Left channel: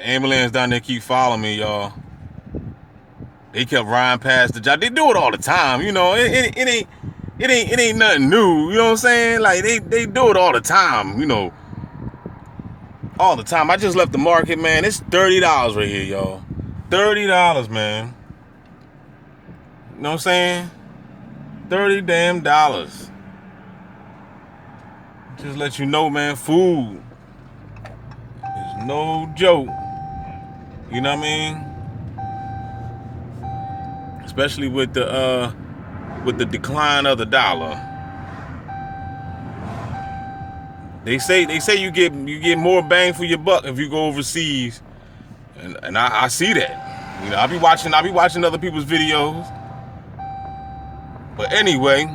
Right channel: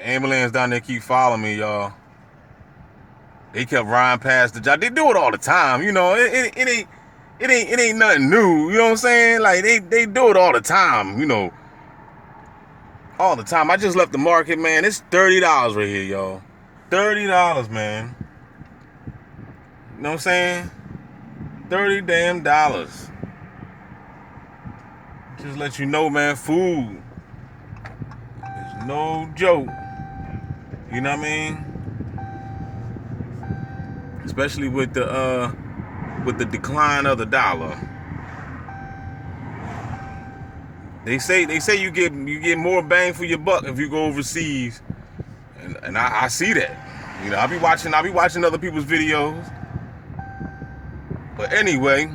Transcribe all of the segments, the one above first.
The ambulance down there keep following me, y'all. They kept riding past the job. They do it all the time, you know. It ain't nothing new, you know what I'm saying? Like they do it all the time, you know. All the time. I just left the market, man. It's $30 right here, y'all. $30, man. You know what I'm saying? $30 damn dollars. Just let you know, man, food is no joke. You know what I mean? Especially with the decline of the dollar. They say you get more bang for your buck if you go overseas, and I see that. You know, I be watching other people's videos. But anyway,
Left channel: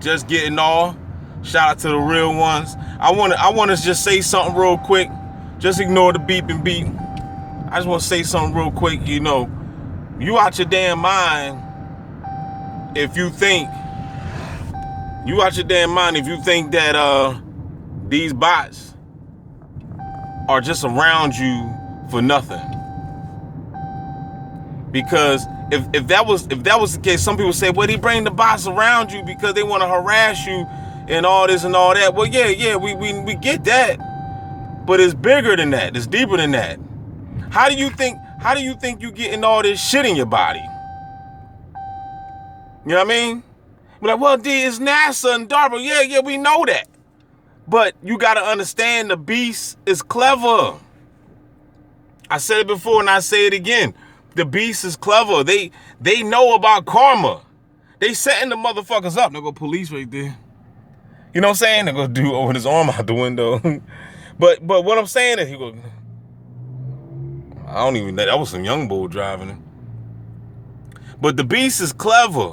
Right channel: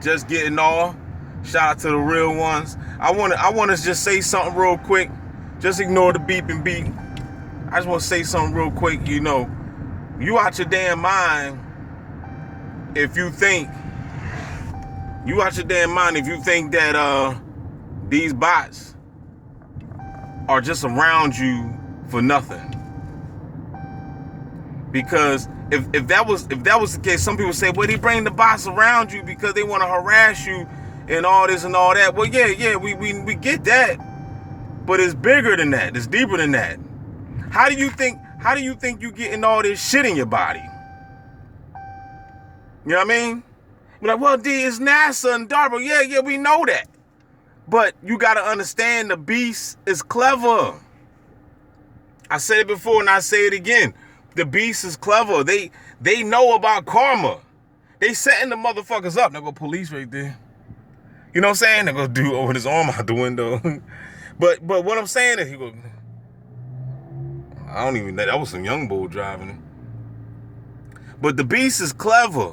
just getting off. Shout out to the real ones. I wanna just say something real quick. Just ignore the beep and beep. I just want to say something real quick. You know, you out your damn mind if you think that these bots are just around you for nothing. Because if that was the case, some people say, well, they bring the bots around you because they want to harass you and all this and all that. Well, yeah, we get that, but it's bigger than that. It's deeper than that. How do you think you getting all this shit in your body? You know what I mean? We're like, well, it's NASA and DARPA. Yeah, we know that. But you got to understand, the beast is clever. I said it before and I say it again. The beast is clever. They know about karma. They setting the motherfuckers up. They go police right there. You know what I'm saying? They go dude open his arm out the window. But what I'm saying is, he go, I don't even know. That was some young bull driving it. But the beast is clever.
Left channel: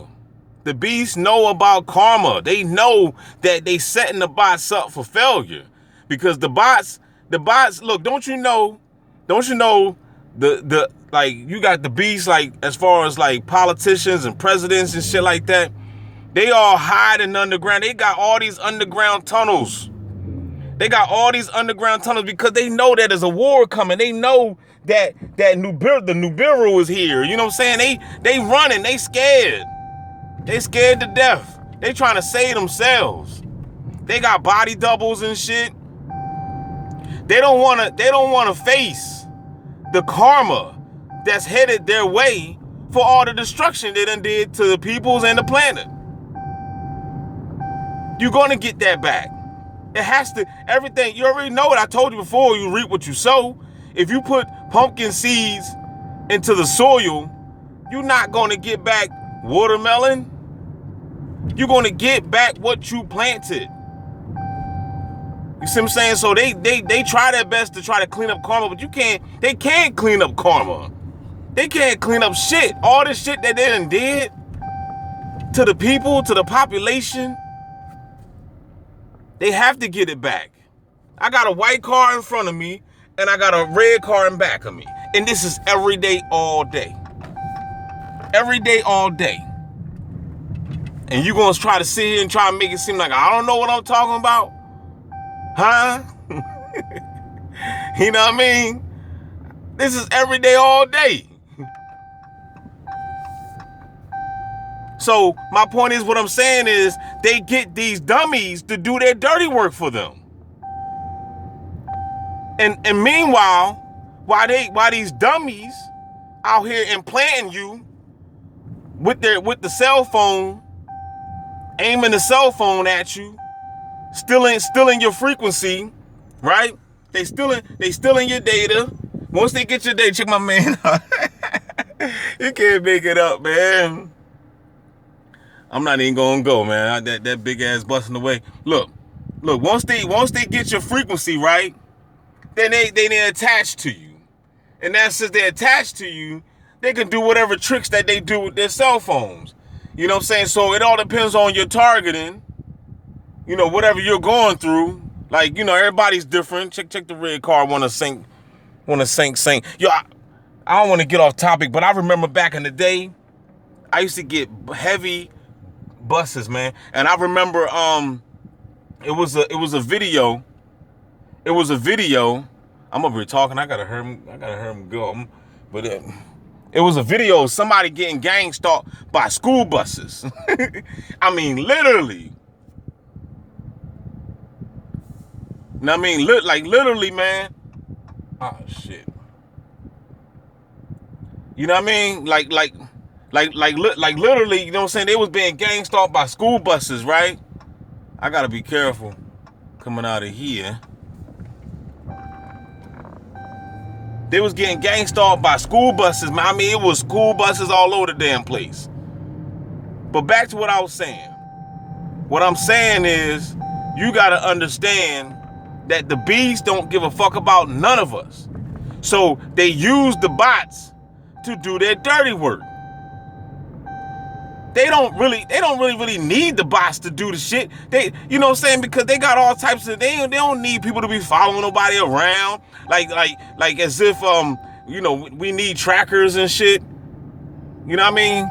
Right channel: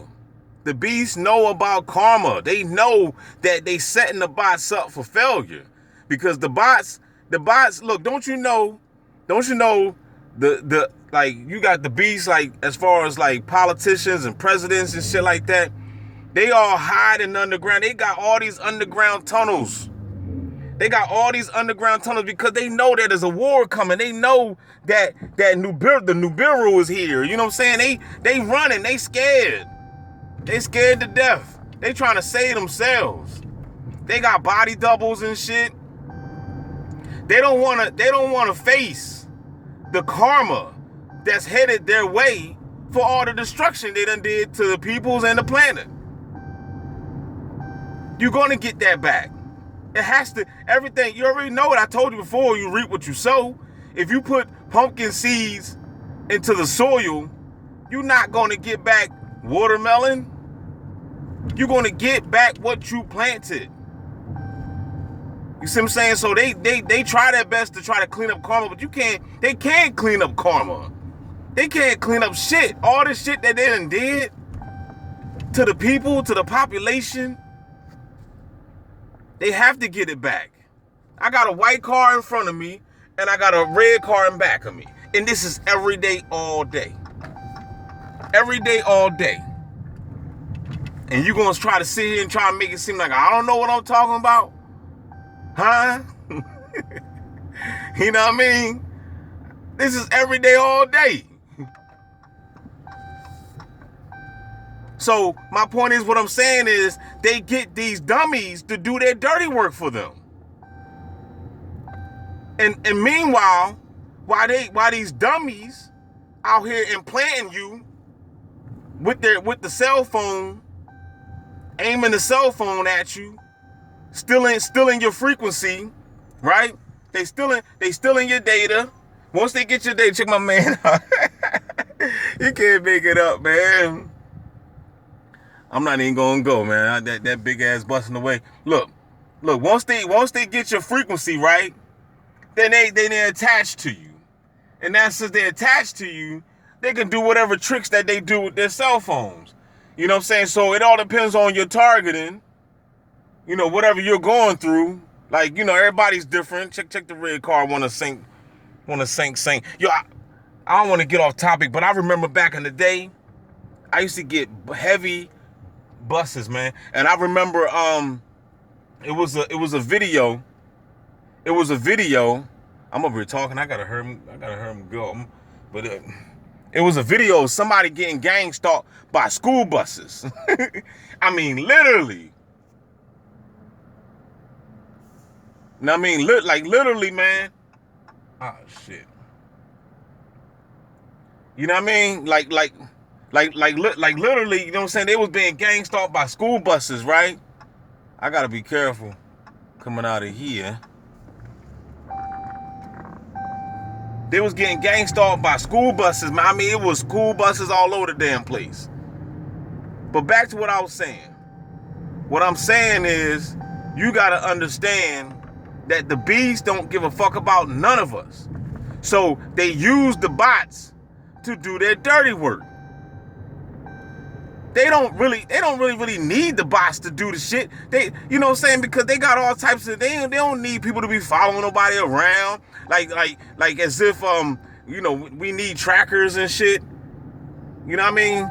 The beast know about karma. They know that they setting the bots up for failure. Because the bots, look, don't you know the like, you got the beast, like, as far as like politicians and presidents and shit like that, they all hiding underground. They got all these underground tunnels. Because they know that there's a war coming. They know that the Nibiru is here. You know what I'm saying? They running. They scared. They scared to death. They trying to save themselves. They got body doubles and shit. They don't wanna face the karma that's headed their way for all the destruction they done did to the peoples and the planet. You're gonna get that back. It has to, everything, you already know it. I told you before, you reap what you sow. If you put pumpkin seeds into the soil, you're not gonna get back watermelon. You're gonna get back what you planted. You see what I'm saying? So they try their best to try to clean up karma, but they can't clean up karma. They can't clean up shit. All this shit that they done did to the people, to the population, they have to get it back. I got a white car in front of me and I got a red car in back of me. And this is every day, all day. Every day, all day. And you gonna try to sit here and try to make it seem like I don't know what I'm talking about? Huh? You know what I mean? This is every day, all day. So my point is, what I'm saying is, they get these dummies to do their dirty work for them. And meanwhile, while these dummies out here implanting you with the cell phone, aiming the cell phone at you, stealing your frequency, right? They stealing your data. Once they get your data, check my man out. You can't make it up, man. I'm not even gonna go, man. That big ass busting away. Look. Once they get your frequency right, then they attach to you, and now since they attach to you, they can do whatever tricks that they do with their cell phones. You know what I'm saying? So it all depends on your targeting. You know, whatever you're going through. Like, you know, everybody's different. Check the red car. Want to sink. Yo, I don't want to get off topic, but I remember back in the day, I used to get heavy buses, man. And I remember it was a video I'm over here talking. I gotta hear him go. But it was a video of somebody getting gang stalked by school buses. I mean, literally. I mean, like literally, man. Oh shit. You know what I mean? Like literally. You know what I'm saying? They was being gang stalked by school buses, right? I gotta be careful coming out of here. They was getting gang stalked by school buses, man. I mean, it was school buses all over the damn place. But back to what I was saying. What I'm saying is, you gotta understand that the bees don't give a fuck about none of us. So they use the bots to do their dirty work. They don't really need the bots to do the shit. They, you know what I'm saying? Because they got all types of, they don't need people to be following nobody around. Like as if, you know, we need trackers and shit. You know what I mean?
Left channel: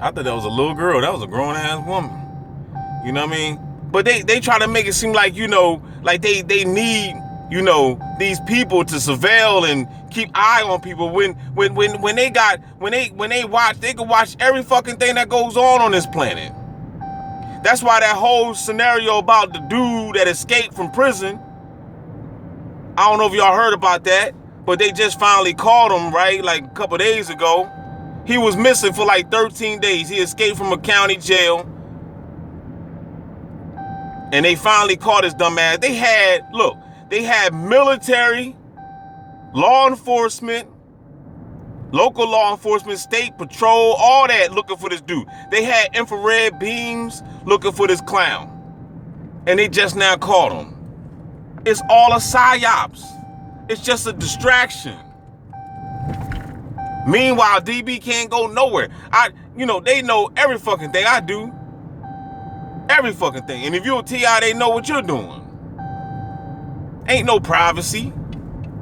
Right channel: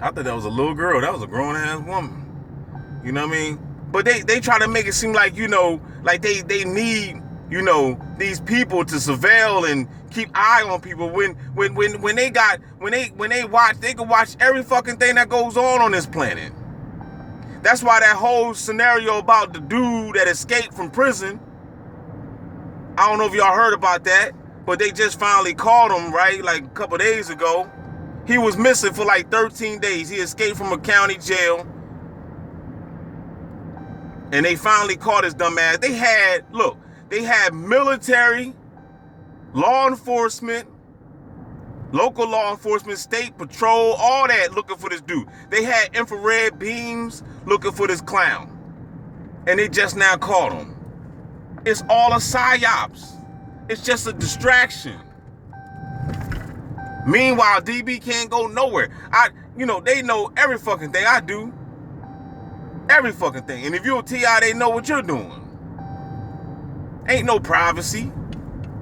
I thought that was a little girl. That was a grown ass woman. You know what I mean? But they try to make it seem like, you know, like they need, you know, these people to surveil and keep eye on people when they watch, they can watch every fucking thing that goes on this planet. That's why that whole scenario about the dude that escaped from prison, I don't know if y'all heard about that, but they just finally caught him, right? Like a couple days ago. He was missing for like 13 days. He escaped from a county jail. And they finally caught his dumb ass. They had military, law enforcement, local law enforcement, state patrol, all that looking for this dude. They had infrared beams looking for this clown. And they just now caught him. It's all a psyops. It's just a distraction. Meanwhile, DB can't go nowhere. You know, they know every fucking thing I do. Every fucking thing. And if you're a TI, they know what you're doing. Ain't no privacy.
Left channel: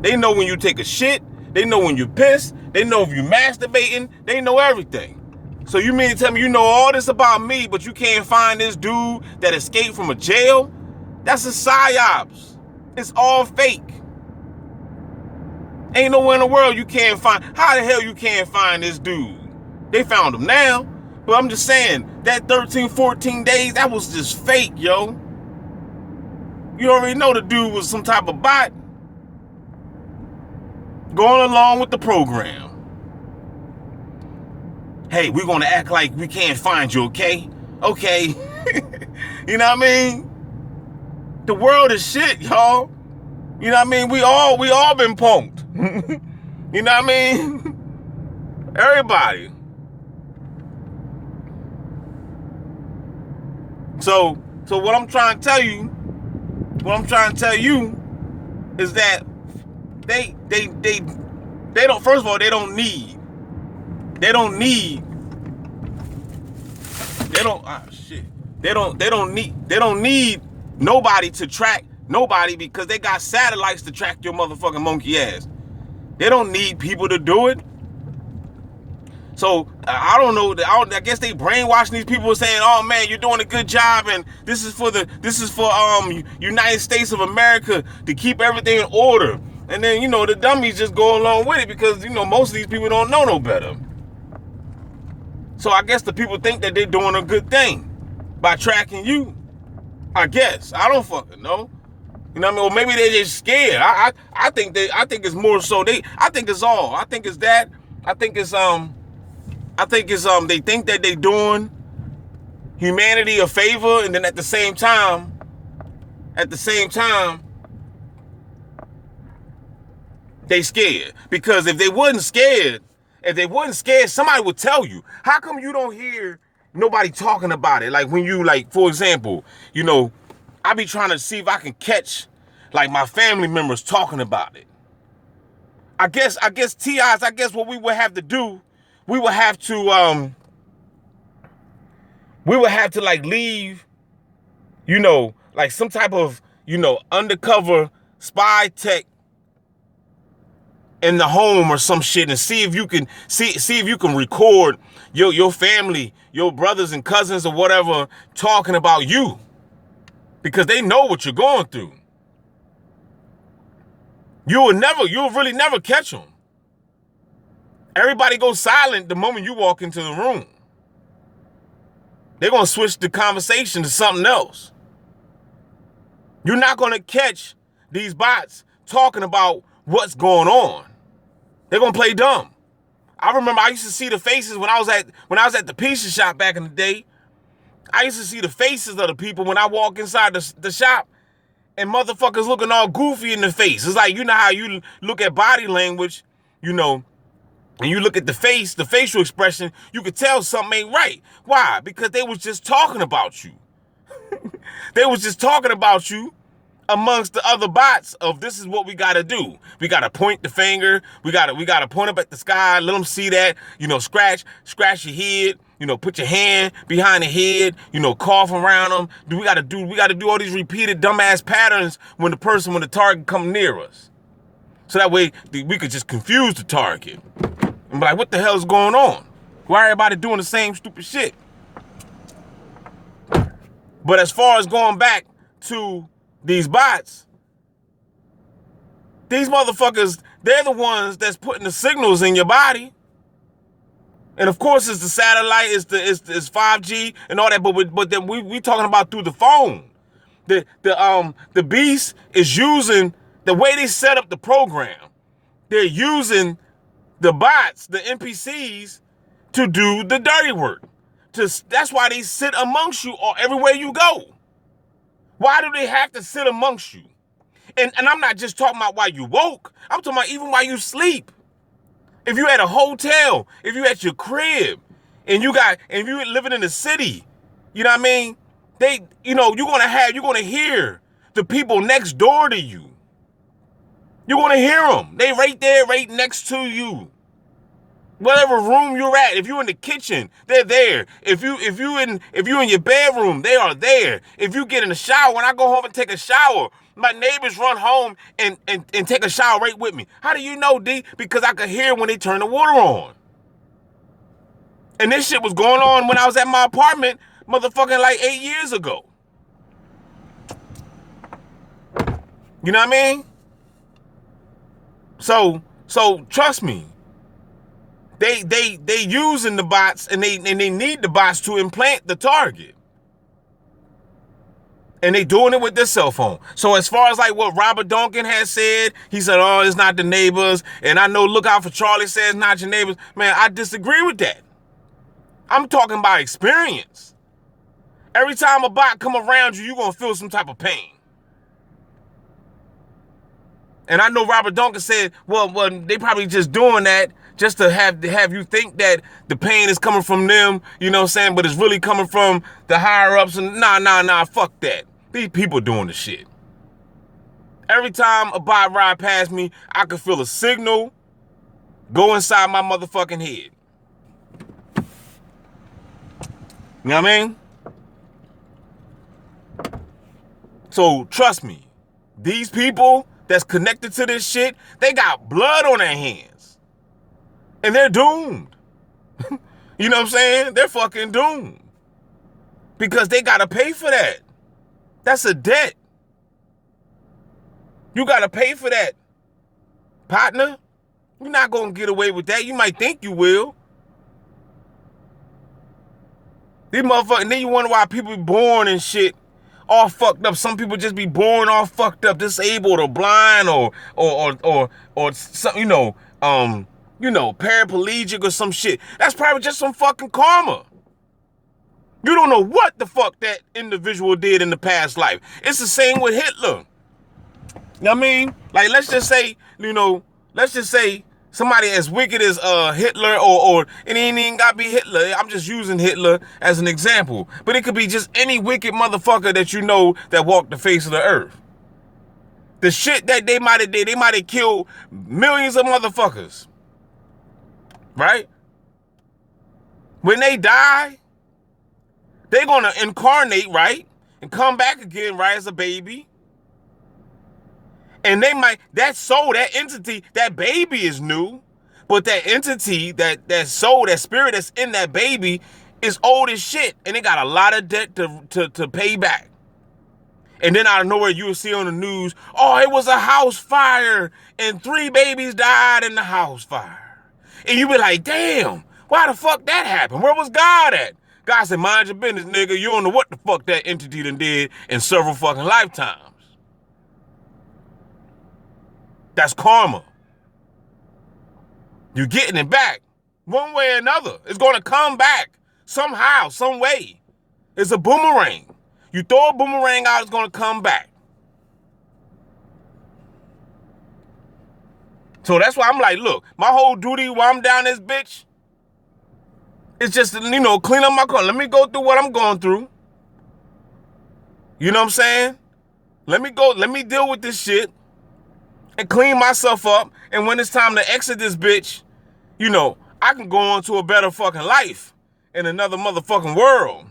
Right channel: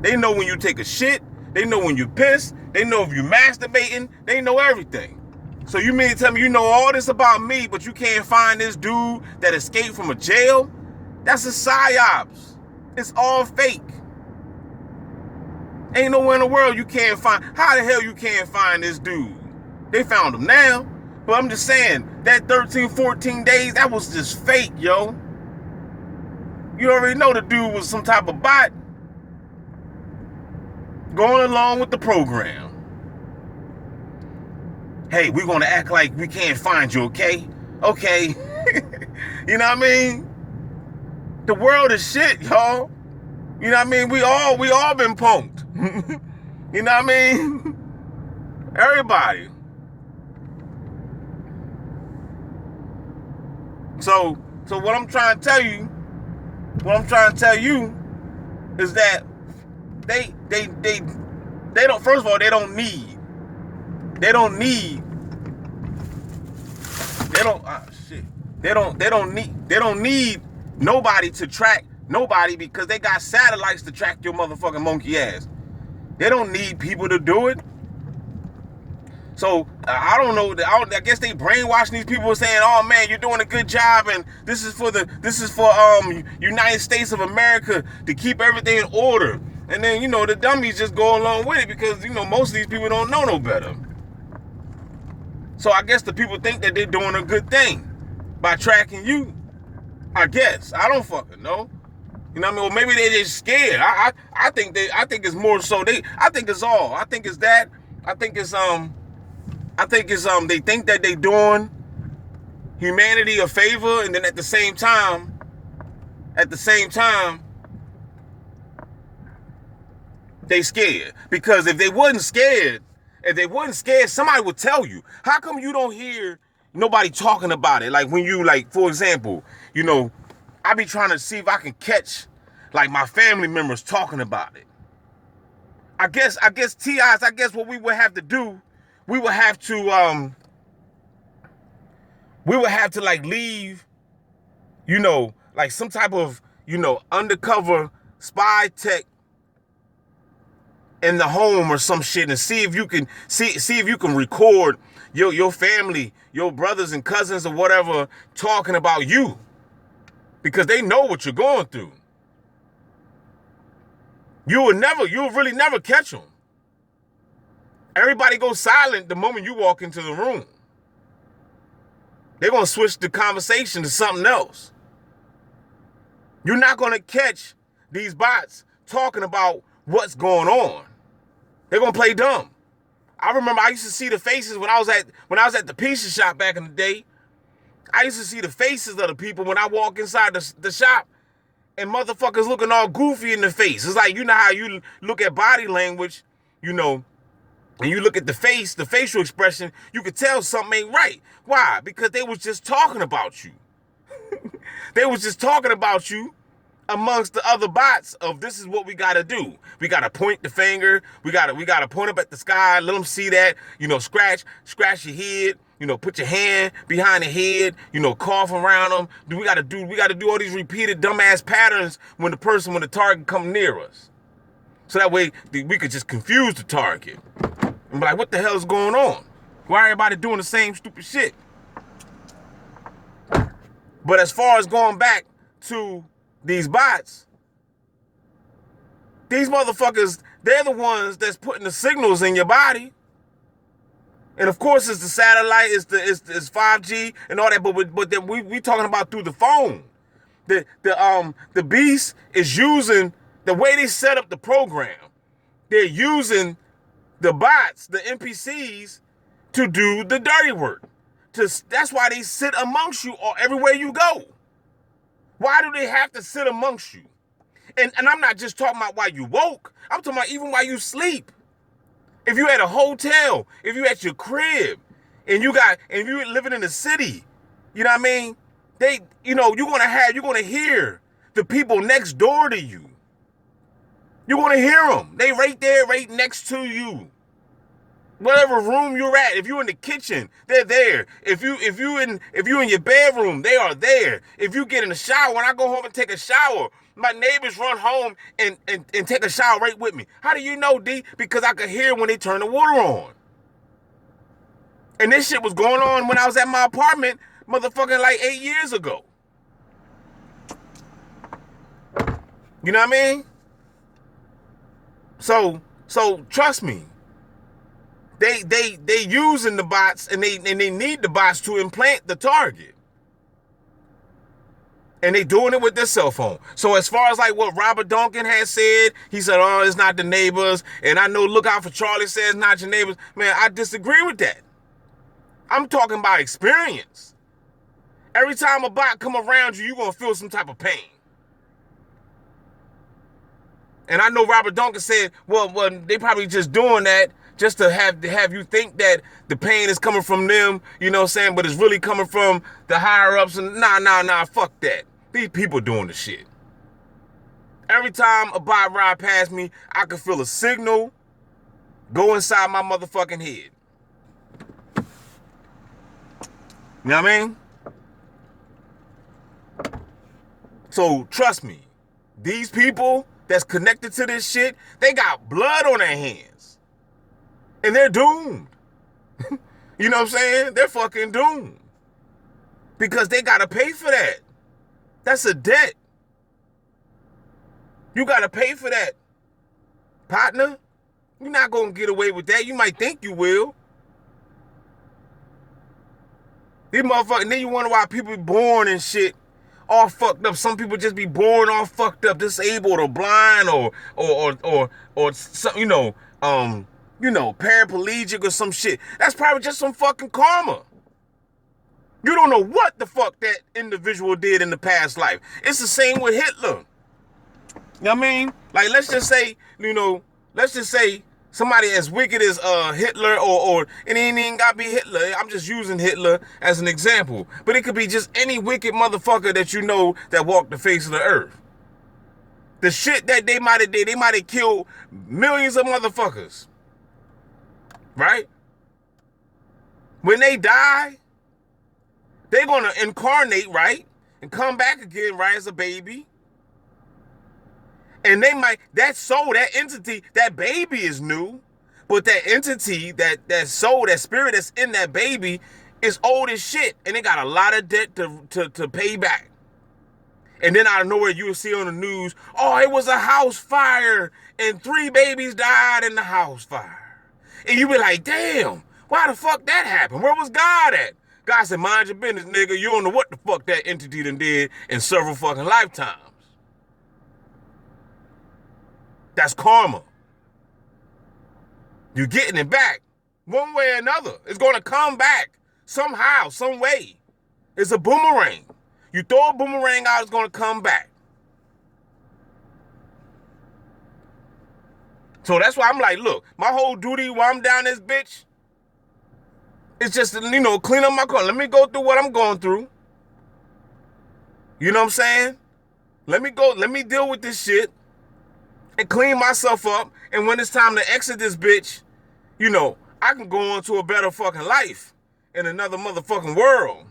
They know when you take a shit. They know when you piss. They know if you masturbating. They know everything. So you mean to tell me you know all this about me, but you can't find this dude that escaped from a jail? That's a psyops. It's all fake. Ain't nowhere in the world you can't find. How the hell you can't find this dude? They found him now. But I'm just saying, that 13, 14 days, that was just fake, yo. You already know the dude was some type of bot going along with the program. Hey, we're going to act like we can't find you, okay? Okay. You know what I mean? The world is shit, y'all. You know what I mean? We all been punked. You know what I mean? Everybody. So what I'm trying to tell you is that they don't, first of all, they don't need nobody to track nobody, because they got satellites to track your motherfucking monkey ass. They don't need people to do it. So I don't know. I guess they brainwashing these people saying, "Oh man, you're doing a good job, and this is for United States of America to keep everything in order." And then, you know, the dummies just go along with it because, you know, most of these people don't know no better. So I guess the people think that they're doing a good thing by tracking you. I guess I don't fucking know. You know what I mean? Or maybe they're just scared. I think it's more so I think it's all. I think it's that. I think it's they think that they doing humanity a favor, and then at the same time, they scared. Because if they wasn't scared, somebody would tell you. How come you don't hear nobody talking about it? Like when you, like, for example, you know, I be trying to see if I can catch like my family members talking about it. I guess TIs, I guess what we would have to do, we would have to like leave, you know, like some type of, you know, undercover spy tech in the home or some shit, and see if you can record your family, your brothers and cousins or whatever talking about you, because they know what you're going through. You'll really never catch them. Everybody goes silent the moment you walk into the room. They're going to switch the conversation to something else. You're not going to catch these bots talking about what's going on. They're going to play dumb. I remember I used to see the faces when I was at the pizza shop back in the day. I used to see the faces of the people when I walk inside the shop, and motherfuckers looking all goofy in the face. It's like, you know how you look at body language, you know, and you look at the face, the facial expression, you could tell something ain't right. Why? Because they was just talking about you. They was just talking about you amongst the other bots of this is what we got to do. We got to point the finger. We got to point up at the sky. Let them see that, you know, scratch your head, you know, put your hand behind the head, you know, cough around them. We got to do all these repeated dumbass patterns when the target come near us. So that way we could just confuse the target. And be like, what the hell is going on? Why everybody doing the same stupid shit? But as far as going back to these bots, these motherfuckers, they're the ones that's putting the signals in your body. And of course, it's the satellite, it's 5G and all that. But then we talking about through the phone. The beast is using the way they set up the program. They're using the bots, the NPCs, to do the dirty work. That's why they sit amongst you everywhere you go. Why do they have to sit amongst you? And I'm not just talking about while you woke. I'm talking about even while you sleep. If you at a hotel, if you at your crib, and you living in the city, you know what I mean? You're gonna hear the people next door to you. You're gonna hear them. They right there, right next to you. Whatever room you're at, if you're in the kitchen, they're there. If you in your bedroom, they are there. If you get in the shower, when I go home and take a shower, my neighbors run home and take a shower right with me. How do you know, D? Because I could hear when they turn the water on. And this shit was going on when I was at my apartment, motherfucking like 8 years ago. You know what I mean? So trust me. They using the bots and they need the bots to implant the target. And they doing it with their cell phone. So as far as like what Robert Duncan has said, he said, oh, it's not the neighbors. And I know Look Out for Charlie says not your neighbors. Man, I disagree with that. I'm talking about experience. Every time a bot come around you, you're going to feel some type of pain. And I know Robert Duncan said, well, they probably just doing that just to have you think that the pain is coming from them, you know what I'm saying? But it's really coming from the higher ups. And nah, fuck that. These people doing the shit. Every time a bot ride past me, I can feel a signal go inside my motherfucking head. You know what I mean? So trust me, these people that's connected to this shit, they got blood on their hands. And they're doomed. You know what I'm saying? They're fucking doomed. Because they gotta pay for that. That's a debt. You gotta pay for that, partner. You're not gonna get away with that. You might think you will. These motherfuckers, and then you wonder why people be born and shit all fucked up. Some people just be born all fucked up, disabled or blind or some, paraplegic or some shit. That's probably just some fucking karma. You don't know what the fuck that individual did in the past life. It's the same with Hitler. You know what I mean? Like, let's just say somebody as wicked as Hitler or it ain't even gotta be Hitler. I'm just using Hitler as an example. But it could be just any wicked motherfucker that you know that walked the face of the earth. The shit that they might have did, they might have killed millions of motherfuckers. Right? When they die, they're gonna incarnate, right? And come back again, right, as a baby. And that soul, that entity, that baby is new, but that entity, that soul, that spirit that's in that baby is old as shit, and it got a lot of debt to pay back. And then out of nowhere, you will see on the news, oh, it was a house fire, and 3 babies died in the house fire. And you be like, damn, why the fuck that happened? Where was God at? God said, mind your business, nigga. You don't know what the fuck that entity done did in several fucking lifetimes. That's karma. You're getting it back. One way or another. It's going to come back. Somehow, some way. It's a boomerang. You throw a boomerang out, it's going to come back. So that's why I'm like, look, my whole duty while I'm down this bitch is just to, clean up my car. Let me go through what I'm going through. You know what I'm saying? Let me deal with this shit and clean myself up. And when it's time to exit this bitch, I can go on to a better fucking life in another motherfucking world.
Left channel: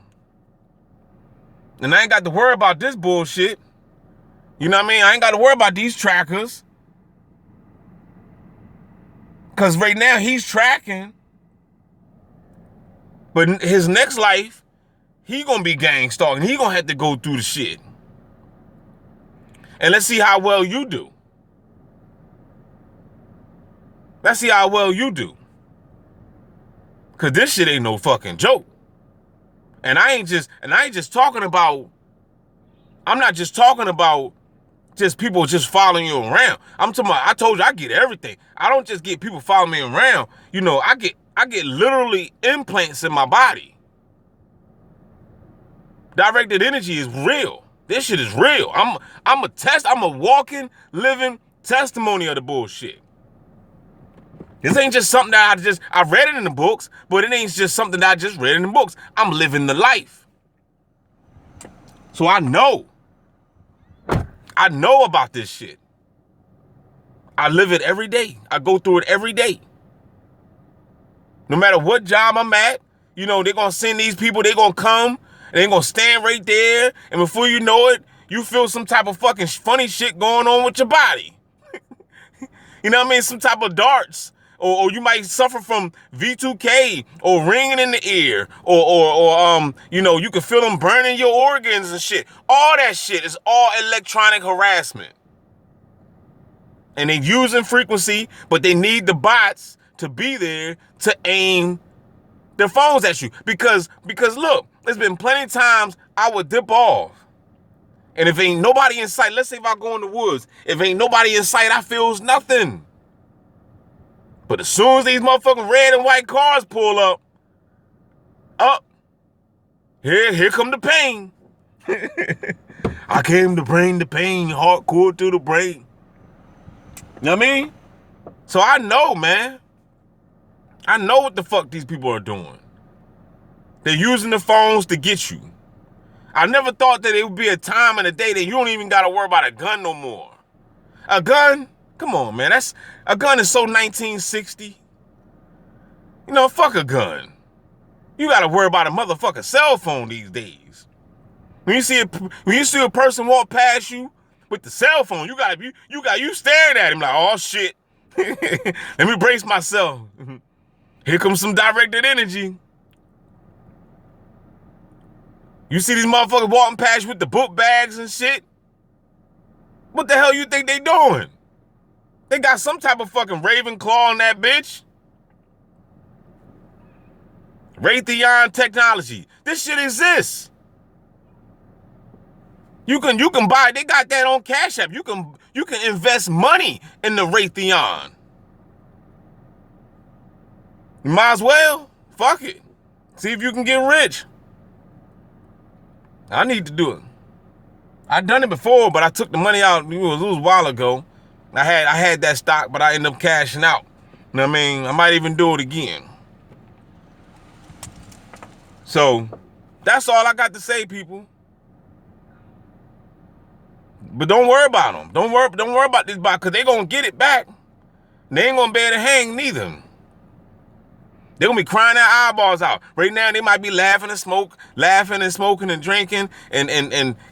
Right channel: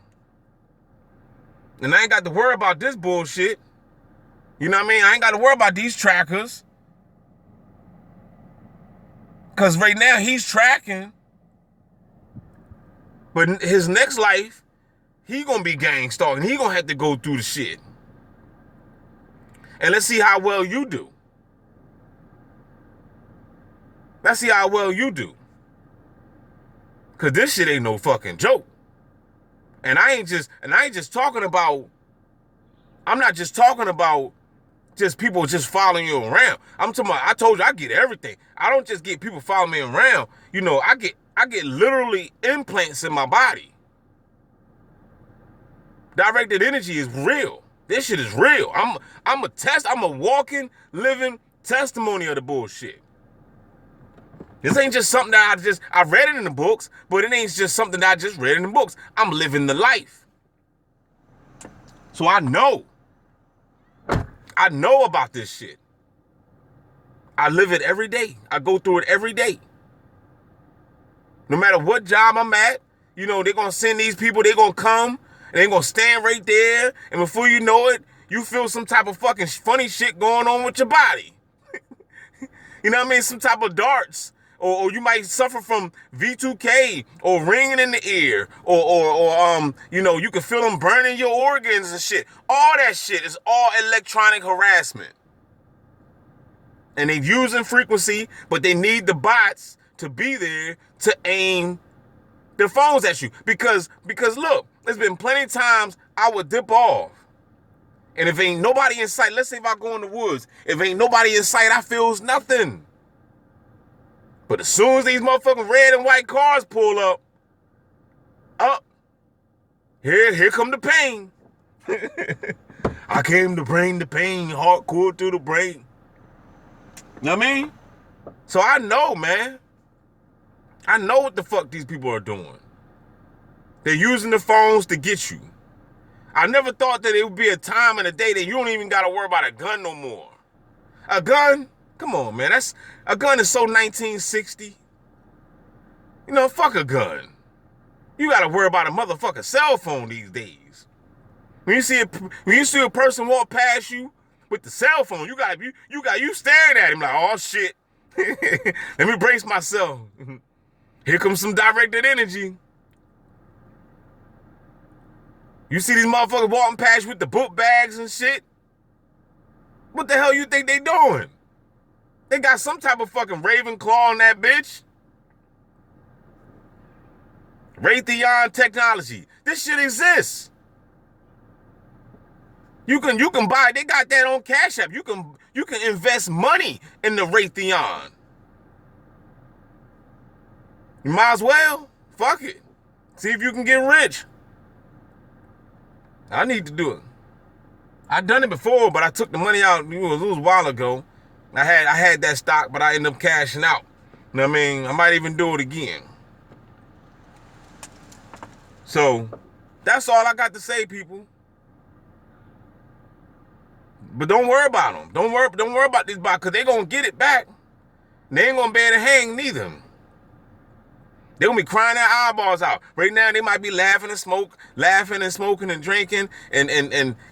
And I ain't got to worry about this bullshit. You know what I mean? I ain't got to worry about these trackers. Because right now he's tracking. But his next life, he going to be gang stalking. He going to have to go through the shit. And let's see how well you do. Let's see how well you do. Because this shit ain't no fucking joke. And I ain't just talking about, I'm not just talking about just people just following you around. I'm talking about, I told you I get everything. I don't just get people following me around. I get literally implants in my body. Directed energy is real. This shit is real. I'm a walking, living testimony of the bullshit. This ain't just something that I read it in the books, but it ain't just something that I just read in the books. I'm living the life. So I know about this shit. I live it every day. I go through it every day. No matter what job I'm at, they're going to send these people, they're going to come, and they're going to stand right there, and before you know it, you feel some type of fucking funny shit going on with your body. You know what I mean? Some type of darts. Or you might suffer from V2K or ringing in the ear or you can feel them burning your organs and shit. All that shit is all electronic harassment. And they're using frequency, but they need the bots to be there to aim their phones at you. Because look, there's been plenty of times I would dip off. And if ain't nobody in sight, let's say if I go in the woods, if ain't nobody in sight, I feels nothing. But as soon as these motherfucking red and white cars pull up, here come the pain. I came to bring the pain, hardcore to the brain. You know what I mean? So I know, man. I know what the fuck these people are doing. They're using the phones to get you. I never thought that it would be a time in a day that you don't even got to worry about a gun no more. A gun? Come on, man. A gun is so 1960. Fuck a gun. You got to worry about a motherfucking cell phone these days. When you see a person walk past you with the cell phone, you staring at him like, oh shit. Let me brace myself. Here comes some directed energy. You see these motherfuckers walking past you with the book bags and shit? What the hell you think they doing? They got some type of fucking Ravenclaw on that bitch. Raytheon technology. This shit exists. You can buy, they got that on Cash App. You can invest money in the Raytheon. You might as well. Fuck it. See if you can get rich. I need to do it. I've done it before, but I took the money out. It was a while ago. I had that stock, but I ended up cashing out. You know what I mean? I might even do it again. So, that's all I got to say, people. But don't worry about them. Don't worry about this box, because they're going to get it back. They ain't going to be able to hang neither. They're going to be crying their eyeballs out. Right now, they might be laughing and smoking and drinking and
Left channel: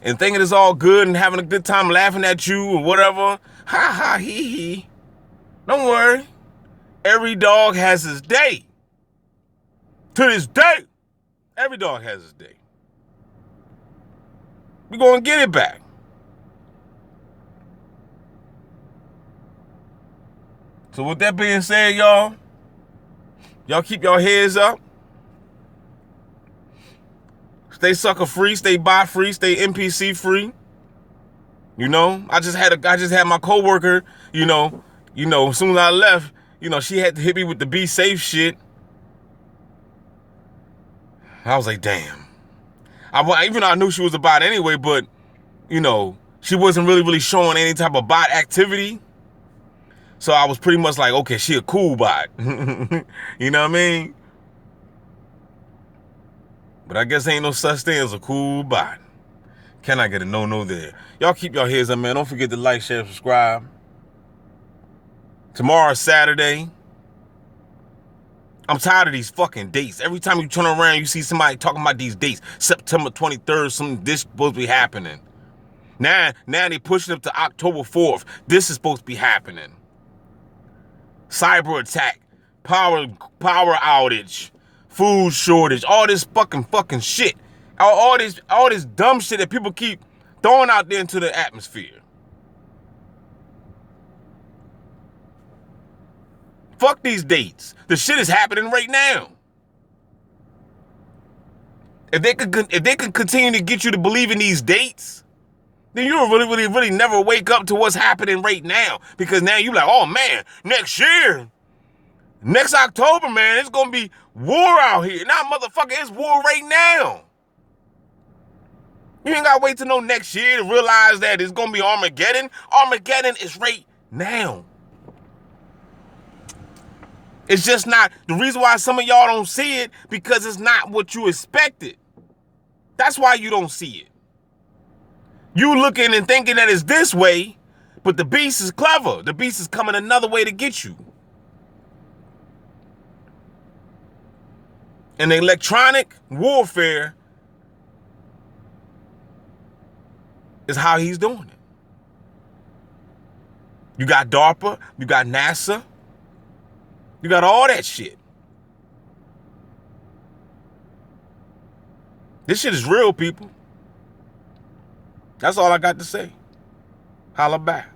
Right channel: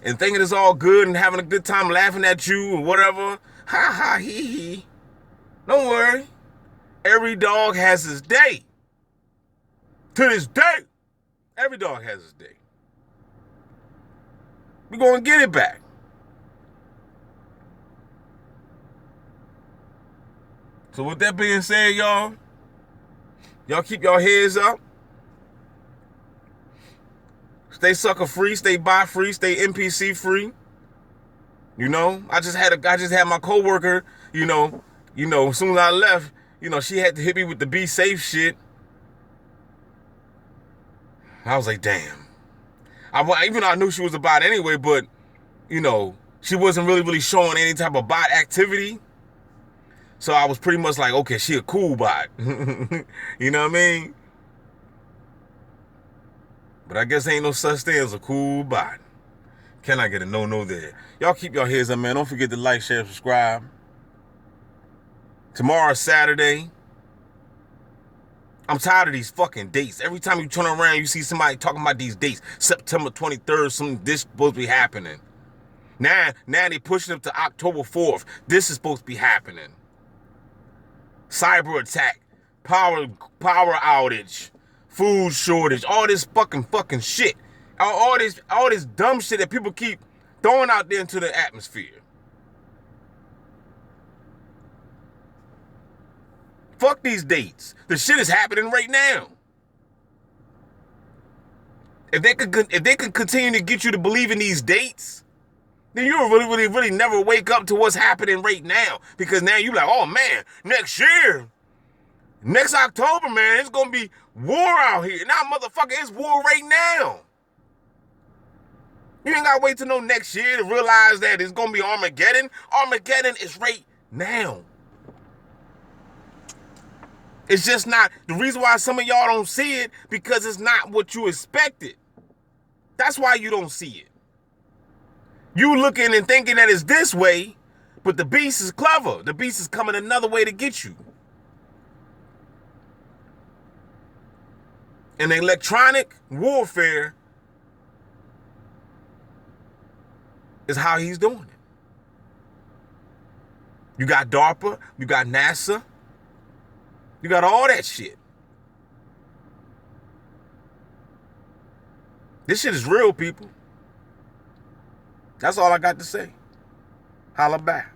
thinking it's all good and having a good time laughing at you or whatever. Ha ha hee hee. Don't worry. Every dog has his day. To this day, every dog has his day. We're going to get it back. So with that being said, y'all keep your heads up. Stay sucker free, stay bot free, stay NPC free. You know, I just had my coworker, you know, as soon as I left, she had to hit me with the be safe shit. I was like, damn. Even though I knew she was a bot anyway, but, she wasn't really showing any type of bot activity. So I was pretty much like, okay, she a cool bot. You know what I mean? But I guess ain't no such thing as a cool bot. Can I get a no there? Y'all keep your heads up, man. Don't forget to like, share, subscribe. Tomorrow, Saturday. I'm tired of these fucking dates. Every time you turn around, you see somebody talking about these dates. September 23rd, this supposed to be happening. Now they pushing up to October 4th. This is supposed to be happening. Cyber attack, power outage, food shortage, all this fucking shit. All this dumb shit that people keep throwing out there into the atmosphere. Fuck these dates. The shit is happening right now. If they could continue to get you to believe in these dates, then you'll really never wake up to what's happening right now. Because now you're like, oh man, next year, next October, man, it's gonna be war out here. Nah, motherfucker, it's war right now. You ain't gotta wait till no next year to realize that it's gonna be Armageddon. Armageddon is right now. It's just not. The reason why some of y'all don't see it, because it's not what you expected. That's why you don't see it. You looking and thinking that it's this way, but the beast is clever. The beast is coming another way to get you. And electronic warfare is how he's doing it. You got DARPA, you got NASA, you got all that shit. This shit is real, people. That's all I got to say. Holla back.